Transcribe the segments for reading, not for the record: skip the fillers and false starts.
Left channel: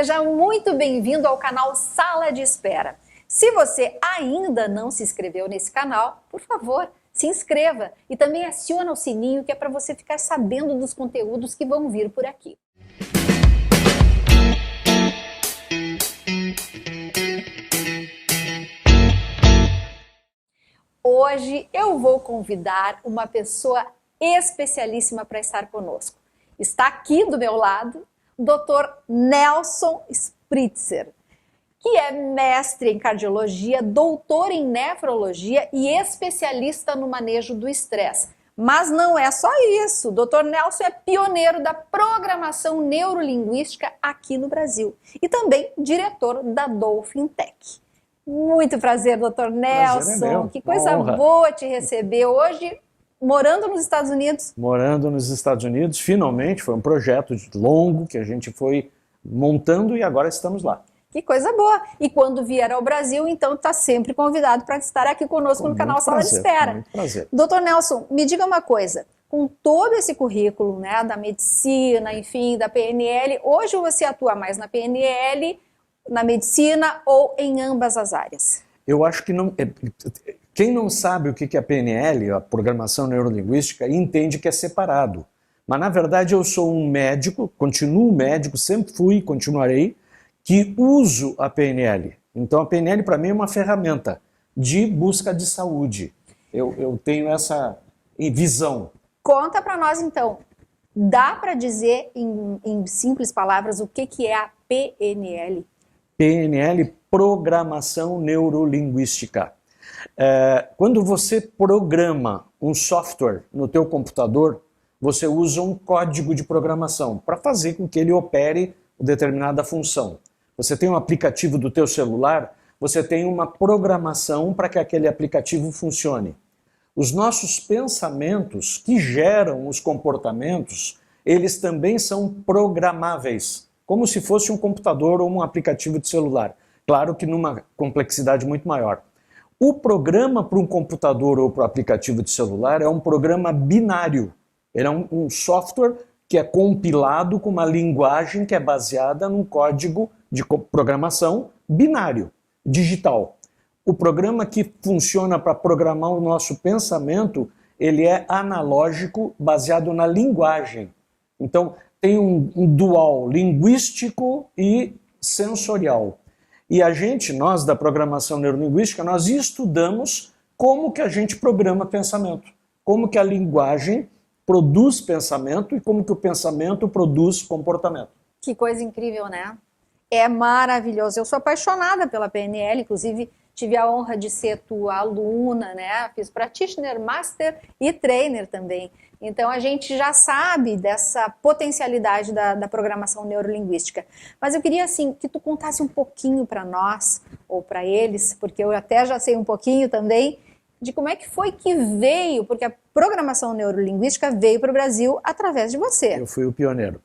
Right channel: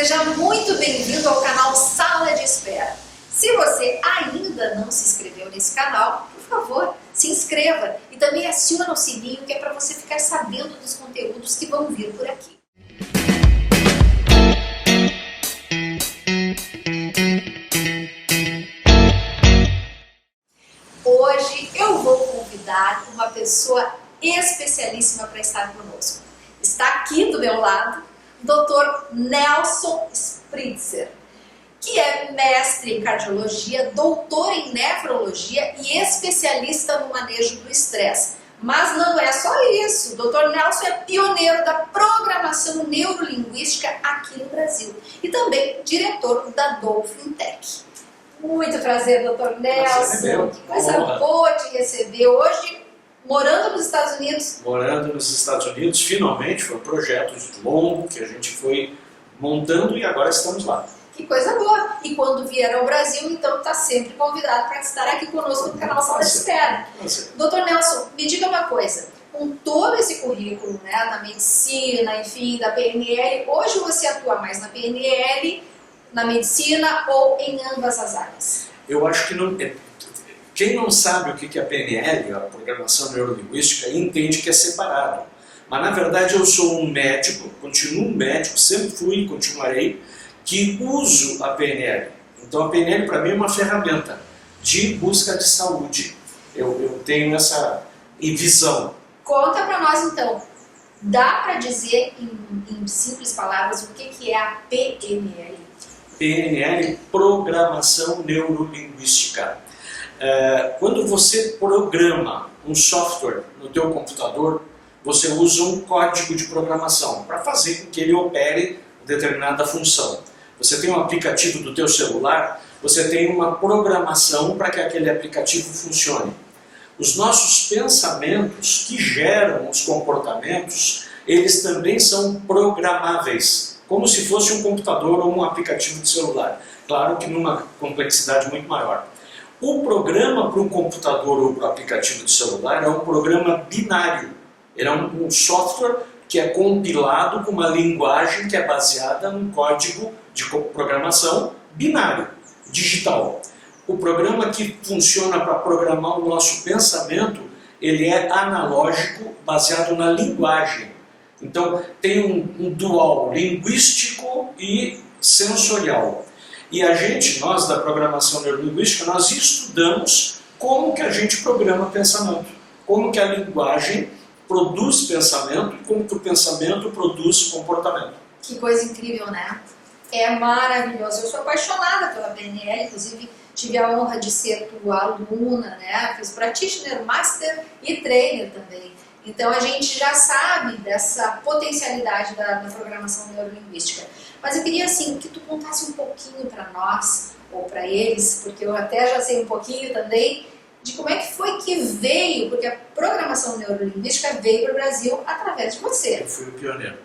Seja muito bem-vindo ao canal Sala de Espera. Se você ainda não se inscreveu nesse canal, por favor, se inscreva e também aciona o sininho que é para você ficar sabendo dos conteúdos que vão vir por aqui. Hoje eu vou convidar uma pessoa especialíssima para estar conosco. Está aqui do meu lado o Dr. Nelson Spritzer, que é mestre em cardiologia, doutor em nefrologia e especialista no manejo do estresse. Mas não é só isso, o Dr. Nelson é pioneiro da programação neurolinguística aqui no Brasil e também diretor da Dolphin Tech. Muito prazer, Dr. Nelson, que coisa boa te receber hoje. Morando nos Estados Unidos? Morando nos Estados Unidos, finalmente, foi um projeto longo que a gente foi montando e agora estamos lá. Que coisa boa! E quando vier ao Brasil, então está sempre convidado para estar aqui conosco no canal Sala de Espera. Prazer. Doutor Nelson, me diga uma coisa, com todo esse currículo, né, da medicina, enfim, da PNL, hoje você atua mais na PNL, na medicina ou em ambas as áreas? Eu acho que não... Quem não sabe o que é a PNL, a Programação Neurolinguística, entende que é separado. Mas na verdade eu sou um médico, continuo um médico, sempre fui e continuarei, que uso a PNL. Então a PNL para mim é uma ferramenta de busca de saúde. Eu tenho essa visão. Conta para nós então, dá para dizer em simples palavras o que é a PNL? PNL, Programação Neurolinguística. Quando você programa um software no teu computador, você usa um código de programação para fazer com que ele opere determinada função. Você tem um aplicativo do teu celular, você tem uma programação para que aquele aplicativo funcione. Os nossos pensamentos que geram os comportamentos, eles também são programáveis, como se fosse um computador ou um aplicativo de celular. Claro que numa complexidade muito maior. O programa para um computador ou para o aplicativo de celular é um programa binário. Ele é um software que é compilado com uma linguagem que é baseada num código de programação binário, digital. O programa que funciona para programar o nosso pensamento, ele é analógico, baseado na linguagem. Então tem um dual linguístico e sensorial. E nós da programação neurolinguística, nós estudamos como que a gente programa pensamento, como que a linguagem produz pensamento e como que o pensamento produz comportamento. Que coisa incrível, né? É maravilhoso. Eu sou apaixonada pela PNL, inclusive tive a honra de ser tua aluna, né? Fiz practitioner, master e trainer também. Então a gente já sabe dessa potencialidade da programação neurolinguística. Mas eu queria assim que tu contasse um pouquinho para nós, ou para eles, porque eu até já sei um pouquinho também, de como é que foi que veio, porque a programação neurolinguística veio para o Brasil através de você. Eu fui o pioneiro.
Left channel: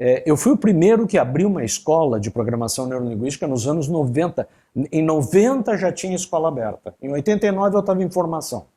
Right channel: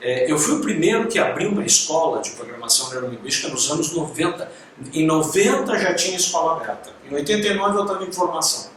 Eu fui o primeiro que abriu uma escola de programação neurolinguística nos anos 90. Em 90 já tinha escola aberta. Em 89 eu estava em formação.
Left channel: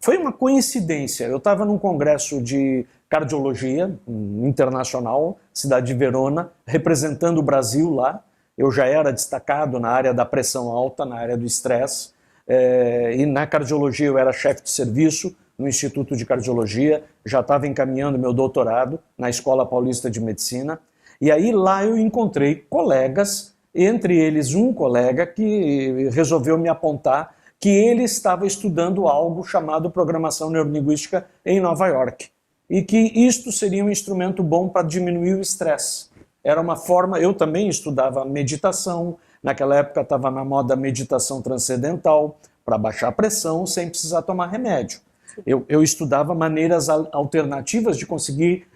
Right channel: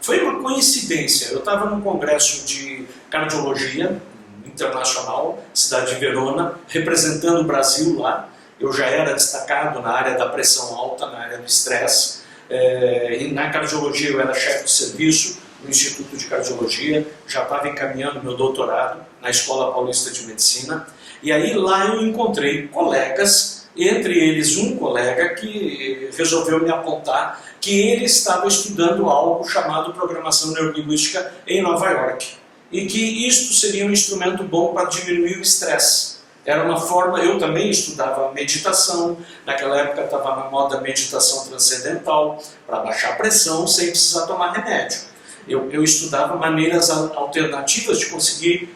Foi uma coincidência, eu estava num congresso de cardiologia internacional, cidade de Verona, representando o Brasil lá. Eu já era destacado na área da pressão alta, na área do estresse, e na cardiologia eu era chefe de serviço no Instituto de Cardiologia, já estava encaminhando meu doutorado na Escola Paulista de Medicina, e aí lá eu encontrei colegas, entre eles um colega que resolveu me apontar que ele estava estudando algo chamado Programação Neurolinguística em Nova York e que isto seria um instrumento bom para diminuir o estresse. Era uma forma, eu também estudava meditação, naquela época estava na moda meditação transcendental, para baixar a pressão sem precisar tomar remédio. Eu estudava maneiras alternativas de conseguir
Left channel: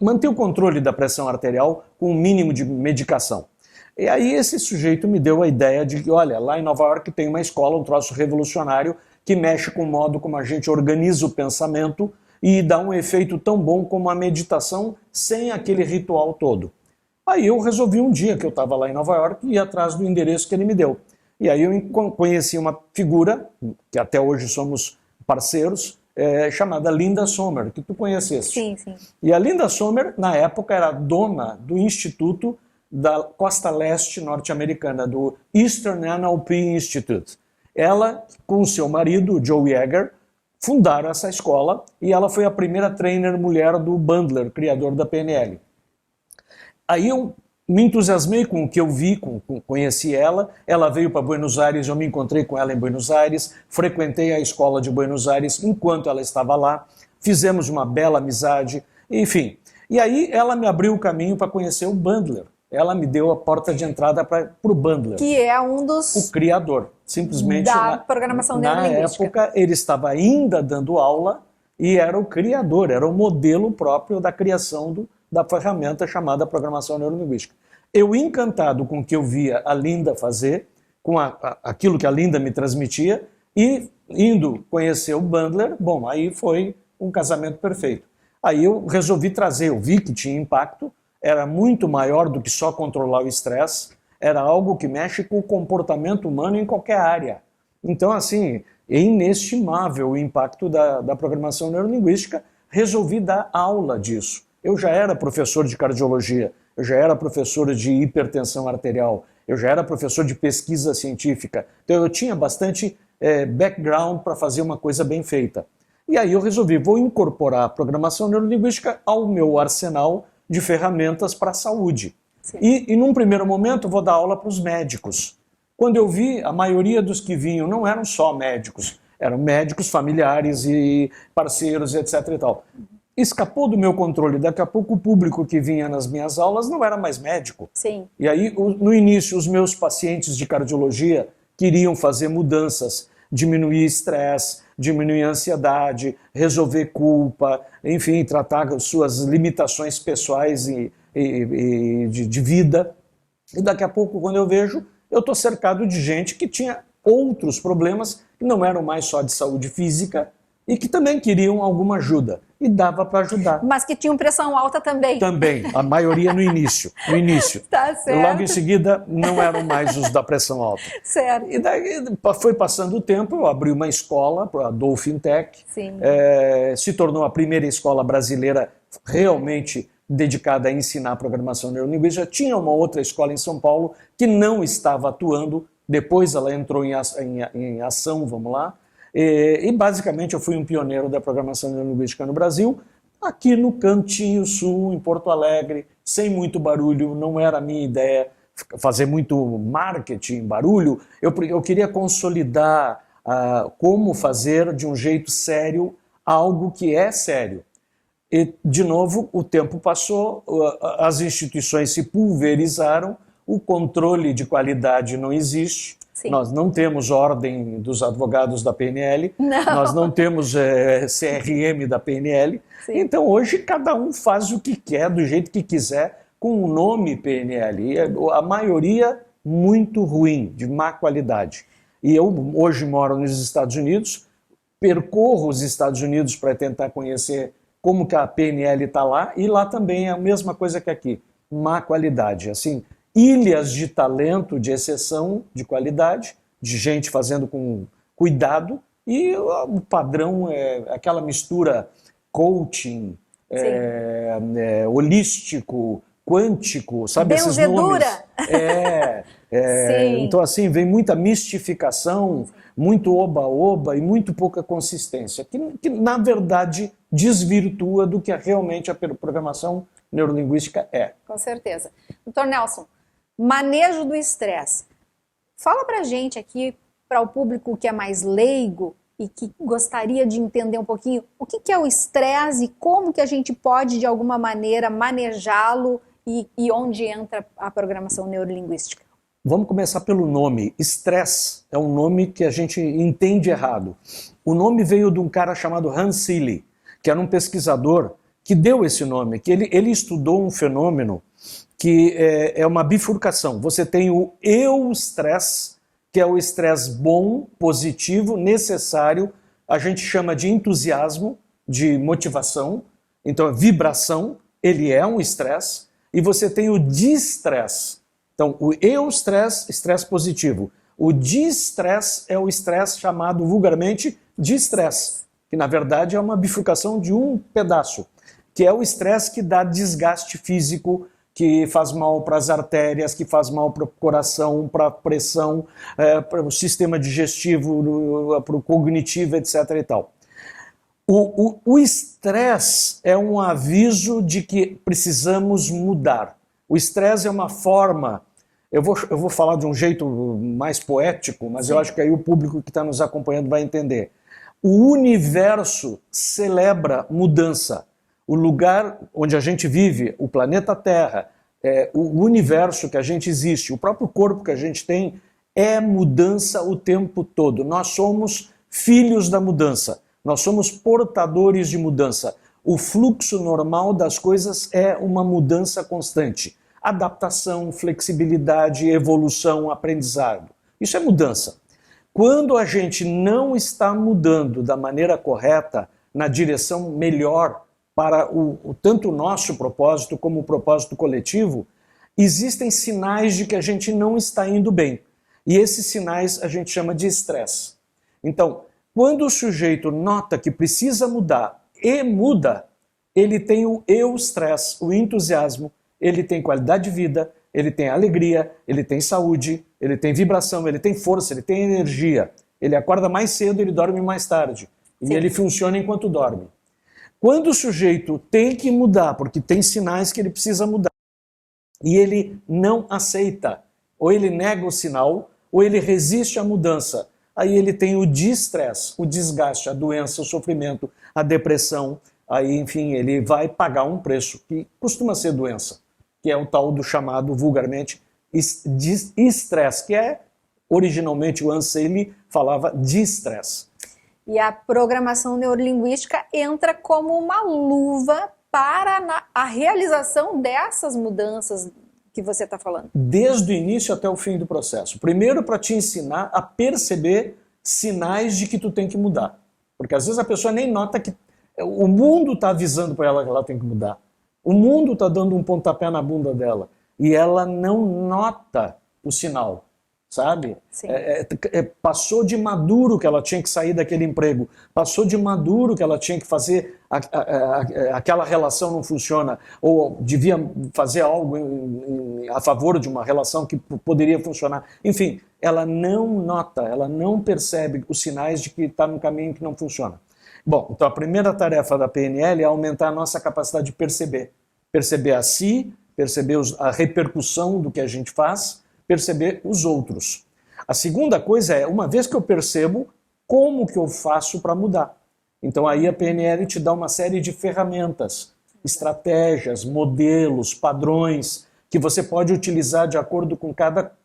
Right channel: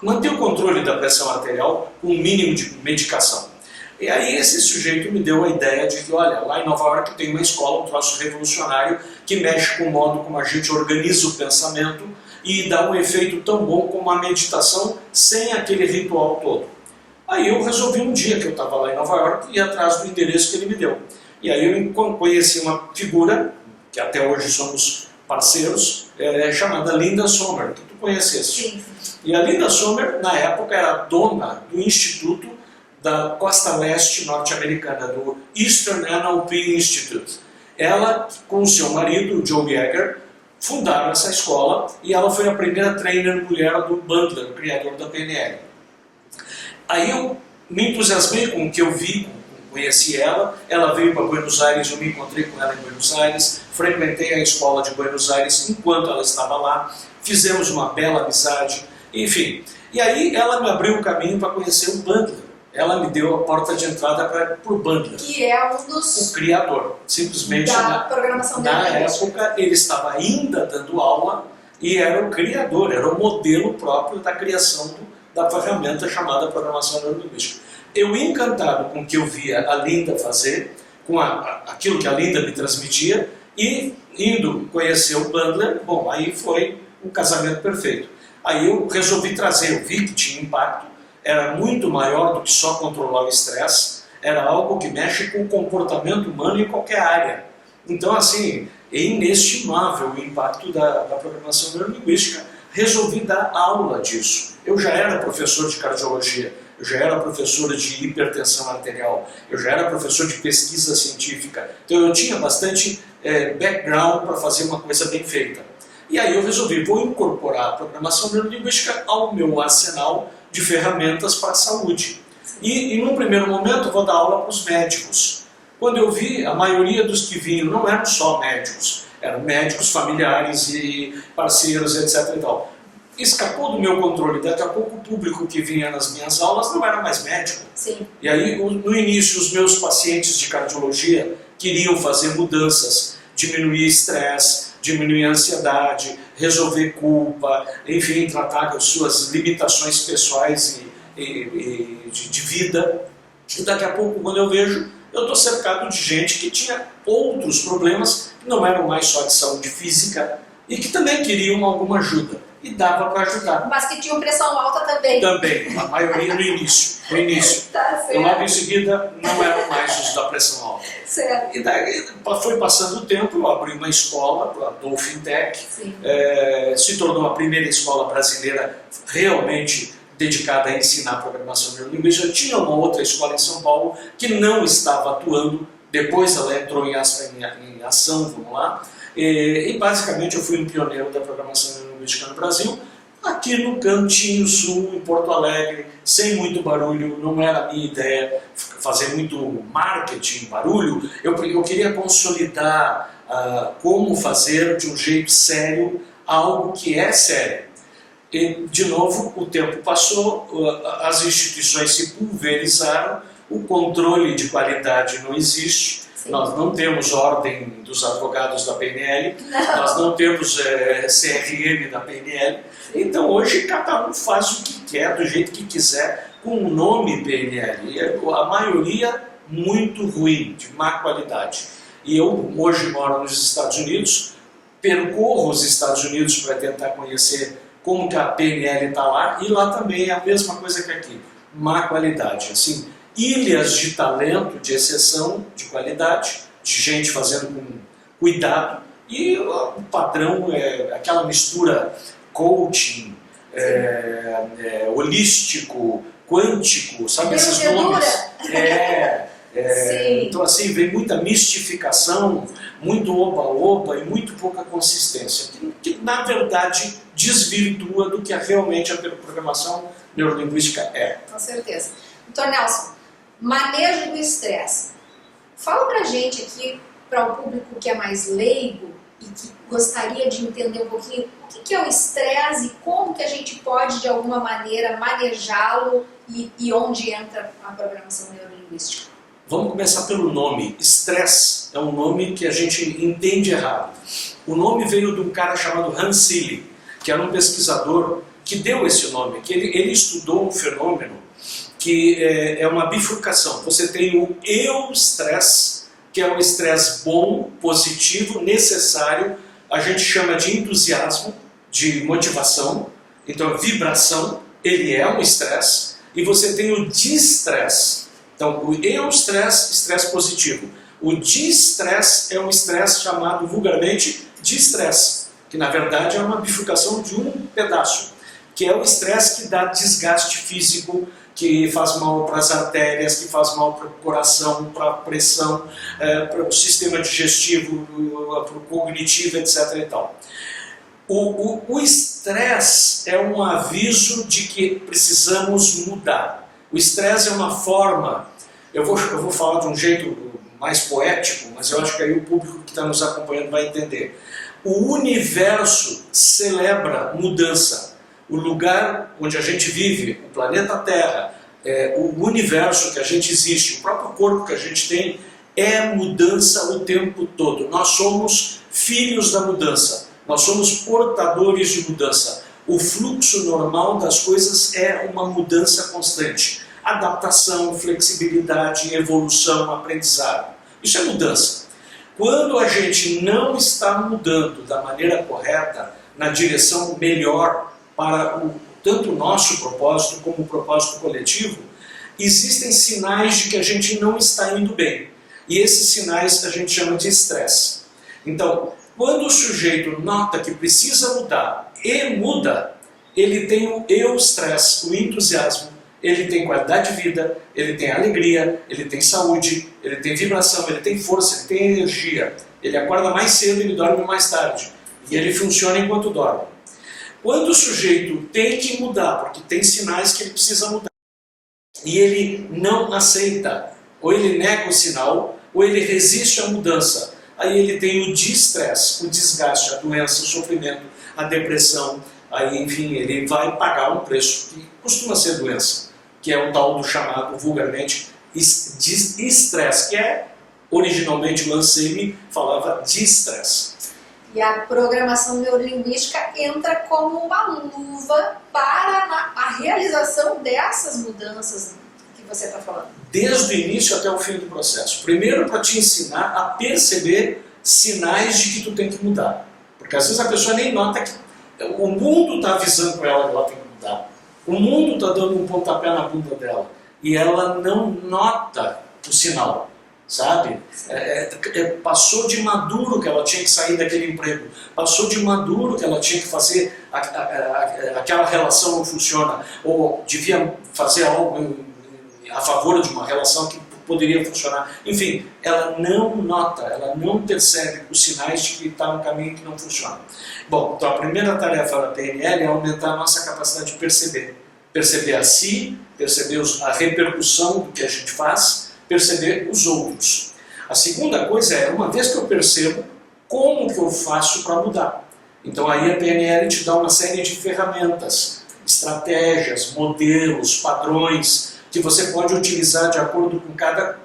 manter o controle da pressão arterial com um mínimo de medicação. E aí esse sujeito me deu a ideia de que, olha, lá em Nova York tem uma escola, um troço revolucionário, que mexe com o modo como a gente organiza o pensamento e dá um efeito tão bom como a meditação sem aquele ritual todo. Aí eu resolvi um dia que eu estava lá em Nova York ir atrás do endereço que ele me deu. E aí eu conheci uma figura, que até hoje somos parceiros, chamada Linda Sommer, que tu conheceste. Sim, sim. E a Linda Sommer, na época, era dona do Instituto da costa leste norte-americana, do Eastern NLP Institute. Ela, com o seu marido, Joe Yeager, fundaram essa escola e ela foi a primeira trainer mulher do Bandler, criador da PNL. Aí eu me entusiasmei com o que eu vi, conheci ela veio para Buenos Aires, eu me encontrei com ela em Buenos Aires, frequentei a escola de Buenos Aires enquanto ela estava lá, fizemos uma bela amizade, enfim. E aí ela me abriu o caminho para conhecer o Bandler, ela me deu a porta de entrada para o Bandler. Que é um dos... O criador, simplesmente da programação na época ele estava ainda dando aula e era o criador, era o modelo próprio da criação da ferramenta chamada programação neurolinguística. Eu, encantado com o que eu via a Linda fazer, com aquilo que a Linda me transmitia, e indo conhecer o Bandler, bom, aí foi um casamento perfeito. Aí eu resolvi trazer, eu vi que tinha impacto, era muito maior do que só controlar o estresse, era algo que mexe com o comportamento humano em qualquer área. Então, assim, é inestimável o impacto da programação neurolinguística. Resolvi dar aula disso. Eu já era professor de cardiologia, eu já era professor de hipertensão arterial, eu já era professor de pesquisa científica, então eu tinha bastante background para fazer uma coisa bem feita. E aí eu resolvi, vou incorporar a programação neurolinguística ao meu arsenal de ferramentas para a saúde. E num primeiro momento vou dar aula para os médicos. Quando eu vi, a maioria dos que vinham não eram só médicos, eram médicos, familiares e parceiros, etc. e tal. Escapou do meu controle, daqui a pouco o público que vinha nas minhas aulas não era mais médico. Sim. E aí, no início, os meus pacientes de cardiologia queriam fazer mudanças, diminuir estresse, diminuir ansiedade, resolver culpa, enfim, tratar as suas limitações pessoais e de vida. E daqui a pouco, quando eu vejo, eu estou cercado de gente que tinha outros problemas que não eram mais só de saúde física e que também queriam alguma ajuda. E dava para ajudar. Mas que tinham pressão alta também. Também, a maioria no início. Tá certo. Logo em seguida, não eram mais os da pressão alta. Certo. E daí foi passando o tempo, eu abri uma escola, a Dolphin Tech, se tornou a primeira escola brasileira realmente dedicada a ensinar programação neurolinguística. Tinha uma outra escola em São Paulo que não estava atuando, depois ela entrou em ação, vamos lá, e basicamente eu fui um pioneiro da programação neurolinguística no Brasil, aqui no Cantinho Sul, em Porto Alegre, sem muito barulho, não era a minha ideia fazer muito marketing, barulho, eu queria consolidar como fazer de um jeito sério algo que é sério. E, de novo, o tempo passou, as instituições se pulverizaram, o controle de qualidade não existe. Sim. Nós não temos ordem dos advogados da PNL, nós não temos CRM da PNL. Sim. Então hoje cada um faz o que quer, do jeito que quiser, com o nome PNL. E a maioria muito ruim, de má qualidade. E eu hoje moro nos Estados Unidos, percorro os Estados Unidos para tentar conhecer como que a PNL está lá, e lá também é a mesma coisa que aqui, má qualidade. Assim, ilhas de talento, de exceção, de qualidade, de gente fazendo com cuidado, e o padrão é aquela mistura coaching, holístico, quântico, sabe esses nomes? Então assim, vem muita mistificação, muito oba-oba e muito pouca consistência, que na verdade desvirtua do que realmente a programação neurolinguística é. Com certeza. Doutor Nelson, manejo do estresse. Fala pra gente aqui, para o público que é mais leigo e que gostaria de entender um pouquinho o que é o estresse e como que a gente pode de alguma maneira manejá-lo e onde entra a programação neurolinguística. Vamos começar pelo nome. Estresse é um nome que a gente entende errado. O nome veio de um cara chamado Hans Selye, que era um pesquisador que deu esse nome, que ele estudou um fenômeno que é uma bifurcação. Você tem o eustresse, que é o estresse bom, positivo, necessário, a gente chama de entusiasmo, de motivação, então vibração, ele é um estresse, e você tem o distresse. Então, o eustresse, estresse positivo. O distresse é um estresse chamado vulgarmente distresse, que na verdade é uma bifurcação de um pedaço, que é o estresse que dá desgaste físico, que faz mal para as artérias, que faz mal para o coração, para a pressão, para o sistema digestivo, para o cognitivo, etc. e tal. O estresse é um aviso de que precisamos mudar. O estresse é uma forma, eu vou falar de um jeito mais poético, mas eu acho que aí o público que está nos acompanhando vai entender. O universo celebra mudança. O lugar onde a gente vive, o planeta Terra, o universo que a gente existe, o próprio corpo que a gente tem, é mudança o tempo todo. Nós somos filhos da mudança. Nós somos portadores de mudança. O fluxo normal das coisas é uma mudança constante. Adaptação, flexibilidade, evolução, aprendizado. Isso é mudança. Quando a gente não está mudando da maneira correta, na direção melhor para tanto o nosso propósito como o propósito coletivo, existem sinais de que a gente não está indo bem. E esses sinais a gente chama de estresse. Então, quando o sujeito nota que precisa mudar e muda, ele tem o eustress, o entusiasmo, ele tem qualidade de vida, ele tem alegria, ele tem saúde, ele tem vibração, ele tem força, ele tem energia. Ele acorda mais cedo, ele dorme mais tarde. E ele funciona enquanto dorme. Quando o sujeito tem que mudar, porque tem sinais que ele precisa mudar, e ele não aceita, ou ele nega o sinal, ou ele resiste à mudança, aí ele tem o distress, o desgaste, a doença, o sofrimento, a depressão, aí enfim, ele vai pagar um preço que costuma ser doença, que é o tal do chamado vulgarmente estresse, que é originalmente o Anselmi falava de estresse. E a programação neurolinguística entra como uma luva para a realização dessas mudanças que você está falando. Desde o início até o fim do processo. Primeiro para te ensinar a perceber sinais de que tu tem que mudar. Porque às vezes a pessoa nem nota que o mundo está avisando para ela que ela tem que mudar. O mundo está dando um pontapé na bunda dela. E ela não nota o sinal. Sabe? Passou de maduro que ela tinha que sair daquele emprego, passou de maduro que ela tinha que fazer aquela relação não funciona, ou devia fazer algo a favor de uma relação que poderia funcionar. Enfim, ela não nota, ela não percebe os sinais de que está no caminho que não funciona. Bom, então a primeira tarefa da PNL é aumentar a nossa capacidade de perceber a si, perceber a repercussão do que a gente faz, perceber os outros. A segunda coisa é, uma vez que eu percebo, como que eu faço para mudar? Então aí a PNL te dá uma série de ferramentas, estratégias, modelos, padrões, que você pode utilizar de acordo com cada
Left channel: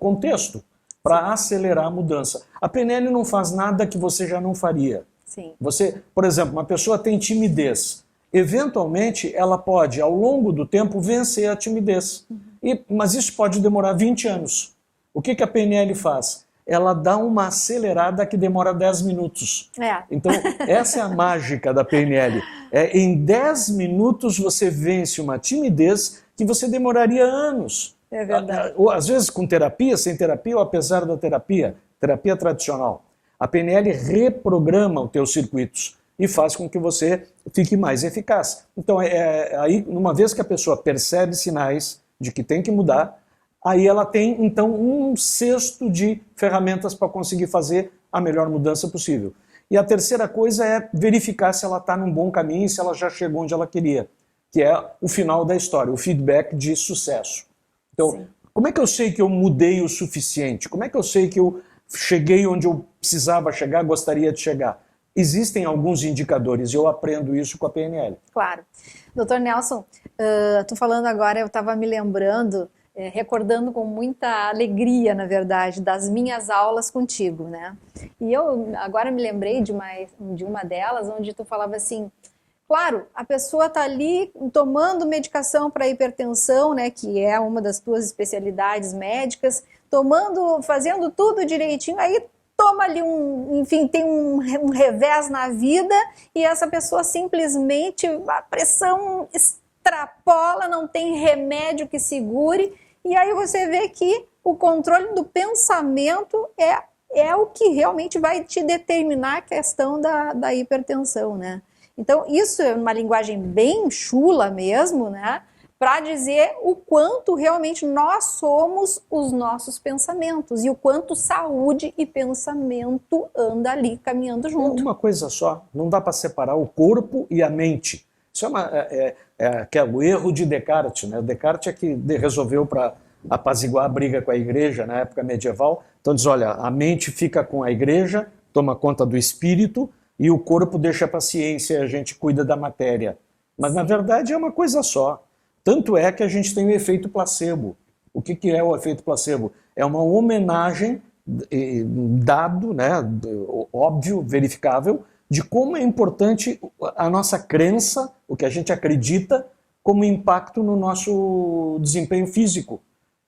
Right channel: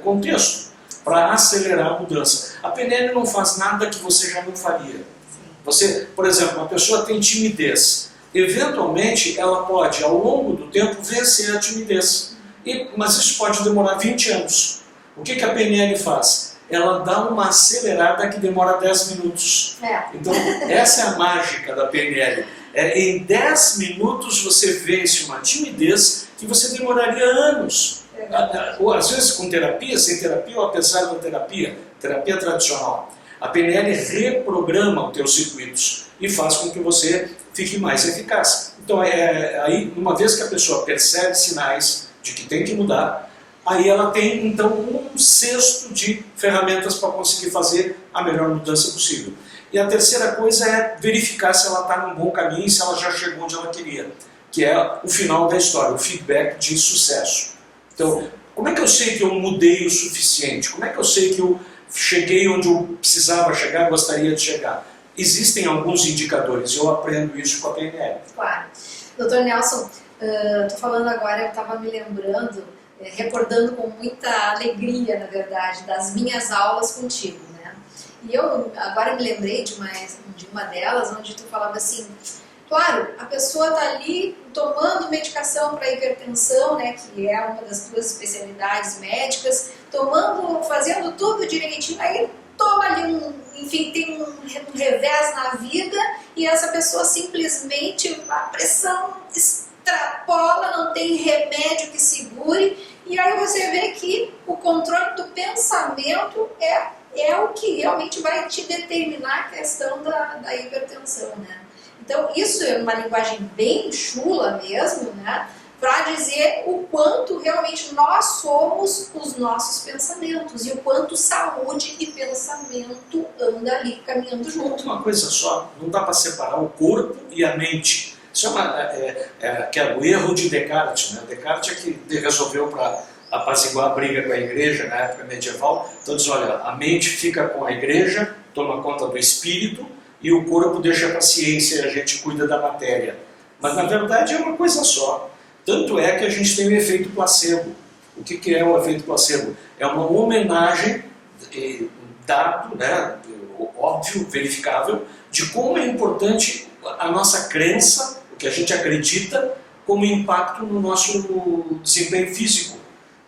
contexto, para acelerar a mudança. A PNL não faz nada que você já não faria. Sim. Você, por exemplo, uma pessoa tem timidez. Eventualmente, ela pode, ao longo do tempo, vencer a timidez. Mas isso pode demorar 20 anos. O que a PNL faz? Ela dá uma acelerada que demora 10 minutos. Então, essa é a mágica da PNL. Em 10 minutos você vence uma timidez que você demoraria anos. É verdade. Ou às vezes com terapia, sem terapia, ou apesar da terapia tradicional. A PNL reprograma os teus circuitos e faz com que você fique mais eficaz. Então, aí, uma vez que a pessoa percebe sinais de que tem que mudar, aí ela tem então um cesto de ferramentas para conseguir fazer a melhor mudança possível. E a terceira coisa é verificar se ela está num bom caminho e se ela já chegou onde ela queria, que é o final da história, o feedback de sucesso. Então, como é que eu sei que eu mudei o suficiente? Como é que eu sei que eu cheguei onde eu precisava chegar, gostaria de chegar? Existem alguns indicadores, eu aprendo isso com a PNL. Claro. Doutor Nelson, estou falando agora, eu estava me lembrando, recordando com muita alegria, na verdade, das minhas aulas contigo, né? E eu agora me lembrei de uma delas, onde tu falava assim, claro, a pessoa está ali tomando medicação para hipertensão, né, que é uma das tuas especialidades médicas, fazendo tudo direitinho, aí toma ali enfim, tem um revés na vida e essa pessoa simplesmente, a pressão extrapola, não tem remédio que segure, e aí você vê que o controle do pensamento é o que realmente vai te determinar a questão da hipertensão, né? Então isso é uma linguagem bem chula mesmo, né? para dizer o quanto realmente nós somos os nossos pensamentos e o quanto saúde e pensamento andam ali caminhando junto. Uma coisa só, não dá para separar o corpo e a mente. Isso que é o erro de Descartes, né? Descartes é que resolveu para apaziguar a briga com a igreja na época medieval. Então diz, olha, a mente fica com a igreja, toma conta do espírito, e o corpo deixa para a ciência e a gente cuida da matéria. Mas na verdade é uma coisa só. Tanto é que a gente tem o efeito placebo. O que é o efeito placebo? É uma homenagem, dado, né, óbvio, verificável, de como é importante a nossa crença, o que a gente acredita, como impacto no nosso desempenho físico.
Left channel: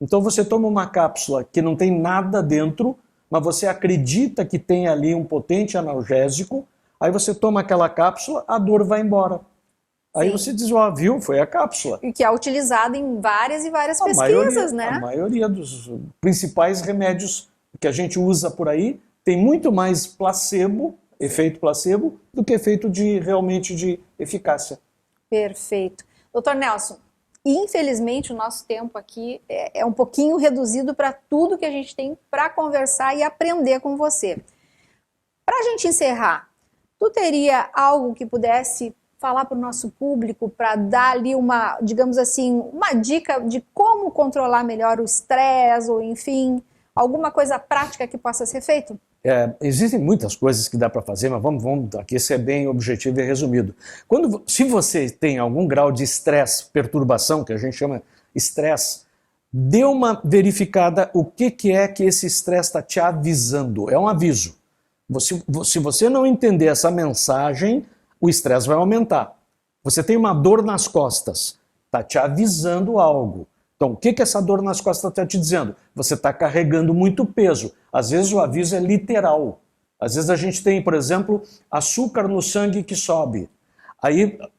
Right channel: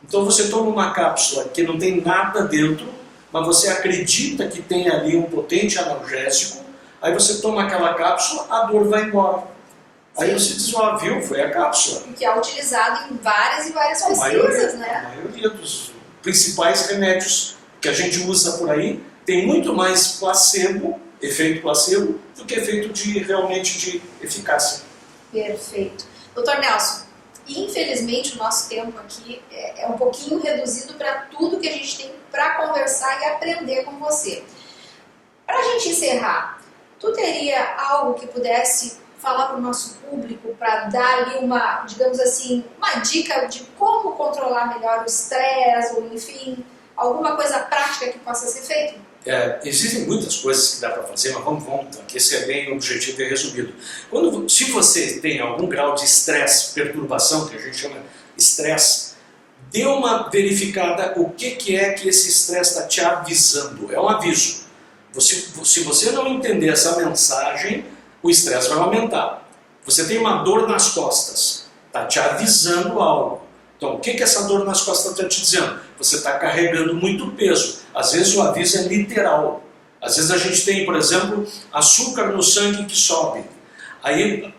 Então você toma uma cápsula que não tem nada dentro, mas você acredita que tem ali um potente analgésico, aí você toma aquela cápsula, a dor vai embora. Aí você diz, viu, foi a cápsula. E que é utilizado em várias e várias pesquisas, né? A maioria dos principais remédios que a gente usa por aí tem muito mais placebo, efeito placebo, do que efeito realmente de eficácia. Perfeito. Doutor Nelson, infelizmente o nosso tempo aqui é um pouquinho reduzido para tudo que a gente tem para conversar e aprender com você. Para a gente encerrar, tu teria algo que pudesse falar para o nosso público para dar ali uma, digamos assim, uma dica de como controlar melhor o estresse, ou enfim, alguma coisa prática que possa ser feito? Existem muitas coisas que dá para fazer, mas vamos aqui, esse é bem objetivo e resumido. Se você tem algum grau de estresse, perturbação, que a gente chama estresse, dê uma verificada o que é que esse estresse está te avisando. É um aviso. Se você não entender essa mensagem, o estresse vai aumentar. Você tem uma dor nas costas, está te avisando algo. Então, o que essa dor nas costas está te dizendo? Você está carregando muito peso. Às vezes o aviso é literal. Às vezes a gente tem, por exemplo, açúcar no sangue que sobe. Aí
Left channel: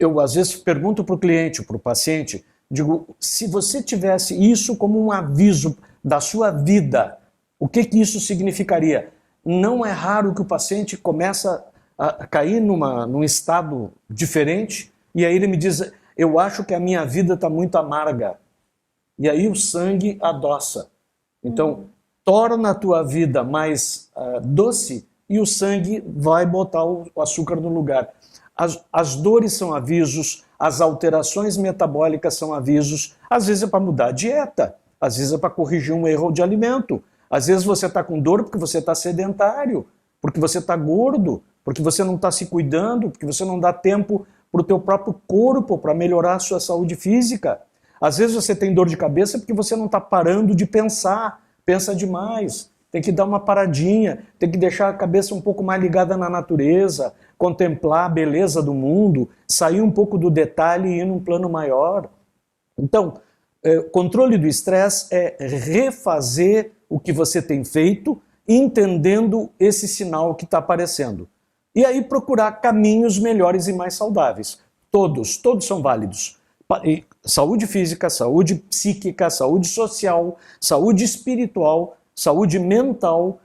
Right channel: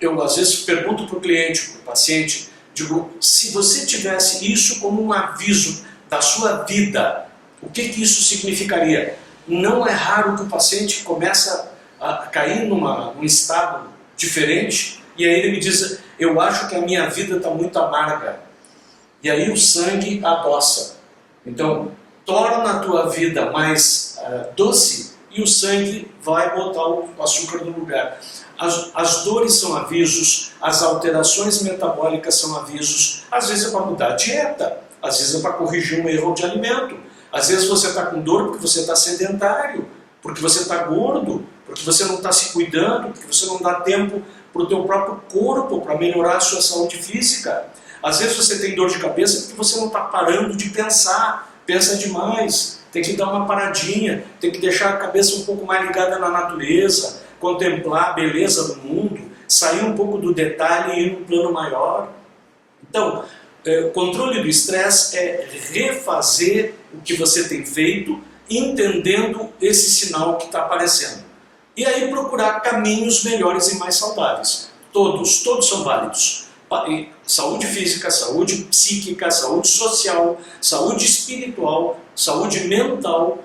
eu às vezes pergunto para o cliente, para o paciente, digo, se você tivesse isso como um aviso da sua vida, o que isso significaria? Não é raro que o paciente começa a cair num estado diferente, e aí ele me diz, eu acho que a minha vida está muito amarga. E aí o sangue adoça. Então, torna a tua vida mais doce e o sangue vai botar o açúcar no lugar. As dores são avisos, as alterações metabólicas são avisos. Às vezes é para mudar a dieta, às vezes é para corrigir um erro de alimento. Às vezes você está com dor porque você está sedentário, porque você está gordo, porque você não está se cuidando, porque você não dá tempo para o teu próprio corpo para melhorar a sua saúde física. Às vezes você tem dor de cabeça porque você não está parando de pensar, pensa demais, tem que dar uma paradinha, tem que deixar a cabeça um pouco mais ligada na natureza, contemplar a beleza do mundo, sair um pouco do detalhe e ir num plano maior. Então, controle do estresse é refazer o que você tem feito, entendendo esse sinal que está aparecendo. E aí procurar caminhos melhores e mais saudáveis. Todos são válidos. Saúde física, saúde psíquica, saúde social, saúde espiritual, saúde mental,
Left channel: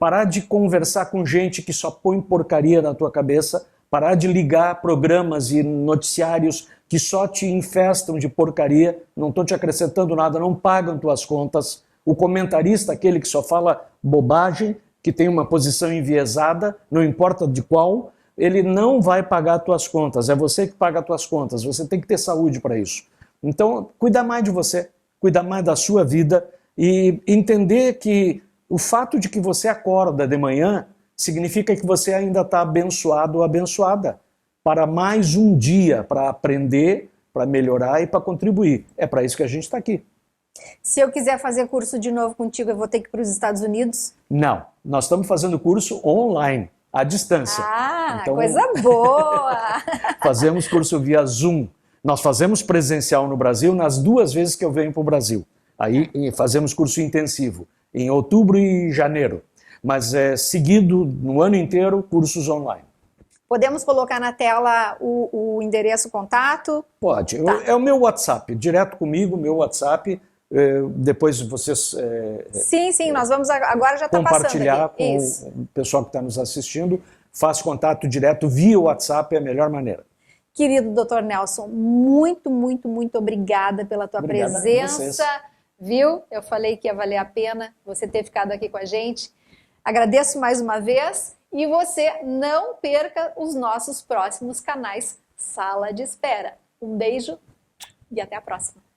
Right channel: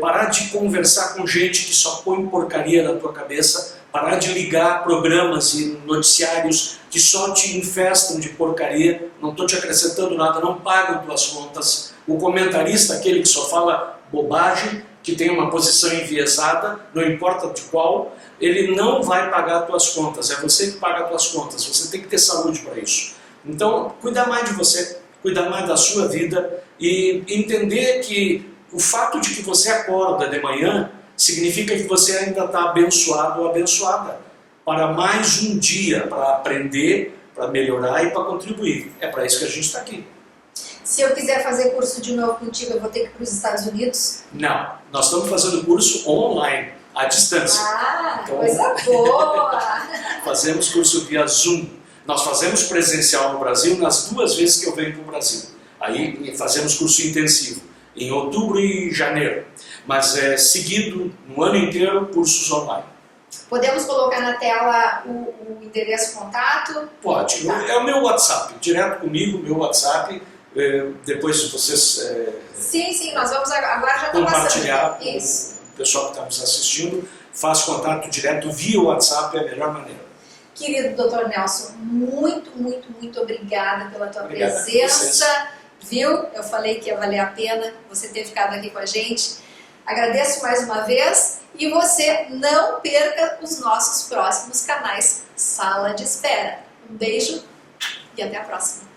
parar de conversar com gente que só põe porcaria na tua cabeça, parar de ligar programas e noticiários que só te infestam de porcaria, não estão te acrescentando nada, não pagam tuas contas. O comentarista, aquele que só fala bobagem, que tem uma posição enviesada, não importa de qual, ele não vai pagar tuas contas, é você que paga tuas contas, você tem que ter saúde para isso. Então, cuidar mais de você, cuidar mais da sua vida e entender que o fato de que você acorda de manhã significa que você ainda está abençoado ou abençoada para mais um dia, para aprender, para melhorar e para contribuir. É para isso que a gente está aqui. Se eu quiser fazer curso de novo contigo, eu vou ter que ir para os Estados Unidos? Não, nós estamos fazendo curso online, à distância. Então, coisa boa! Fazemos curso via Zoom. Nós fazemos presencial no Brasil nas 2 vezes que eu venho para o Brasil. Aí fazemos curso intensivo, em outubro e janeiro. Mas seguido, no ano inteiro, cursos online. Podemos colocar na tela o endereço contato? Pode. Tá. É o meu WhatsApp, direto comigo, meu WhatsApp. Depois vocês sim, nós vamos agora já compartilhar com o pessoal que está nos assistindo. Faz contato direto via WhatsApp, é a melhor maneira. Querido Dr. Nelson, muito, muito, muito obrigada pela tua Obrigado a presença, viu? Eu falei que ia valer a pena você ter ficado aqui com a gente. Agradeço mais uma vez e você não perca os nossos próximos canais Sala de Espera. Um beijo e até a próxima.